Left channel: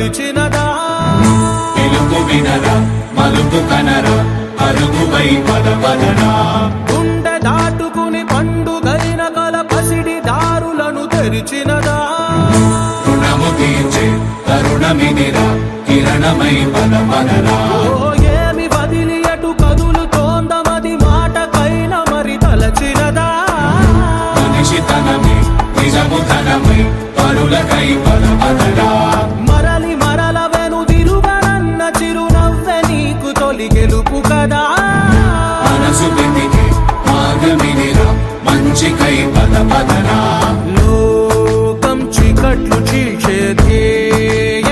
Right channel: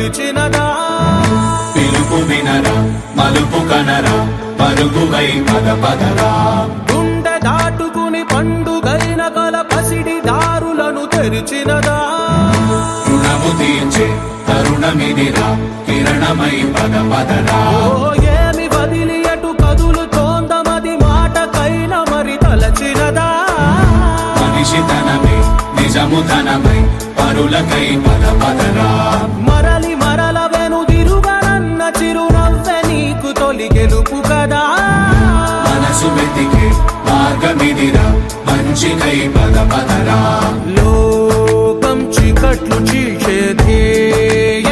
పిలిచినదా పిలుపు వినరా మలుపు కనరా పరుగువై పద పదరా గుండె దాటుకుని పండుగైన కల పసిడి దారులను తెరిచినదా రుణము తీర్చే తరుణమిదిరా కిరణమై పద పదరా ఓ ఏమి వదిలి అటు కదులుతోందమది మాటకైన మరి తలచినదా మనిషితనమే నిజముతనమై పరులకై పద పదరా మరలి మరల వెనుదిరుగనన్న చిరునవ్వె నీకు తొలి గెలుపు కదా మనసు వెతికే మార్గమిదిరా మంచికై పద పదరా లోకం చీకట్లు చీల్చే ధ్యేయ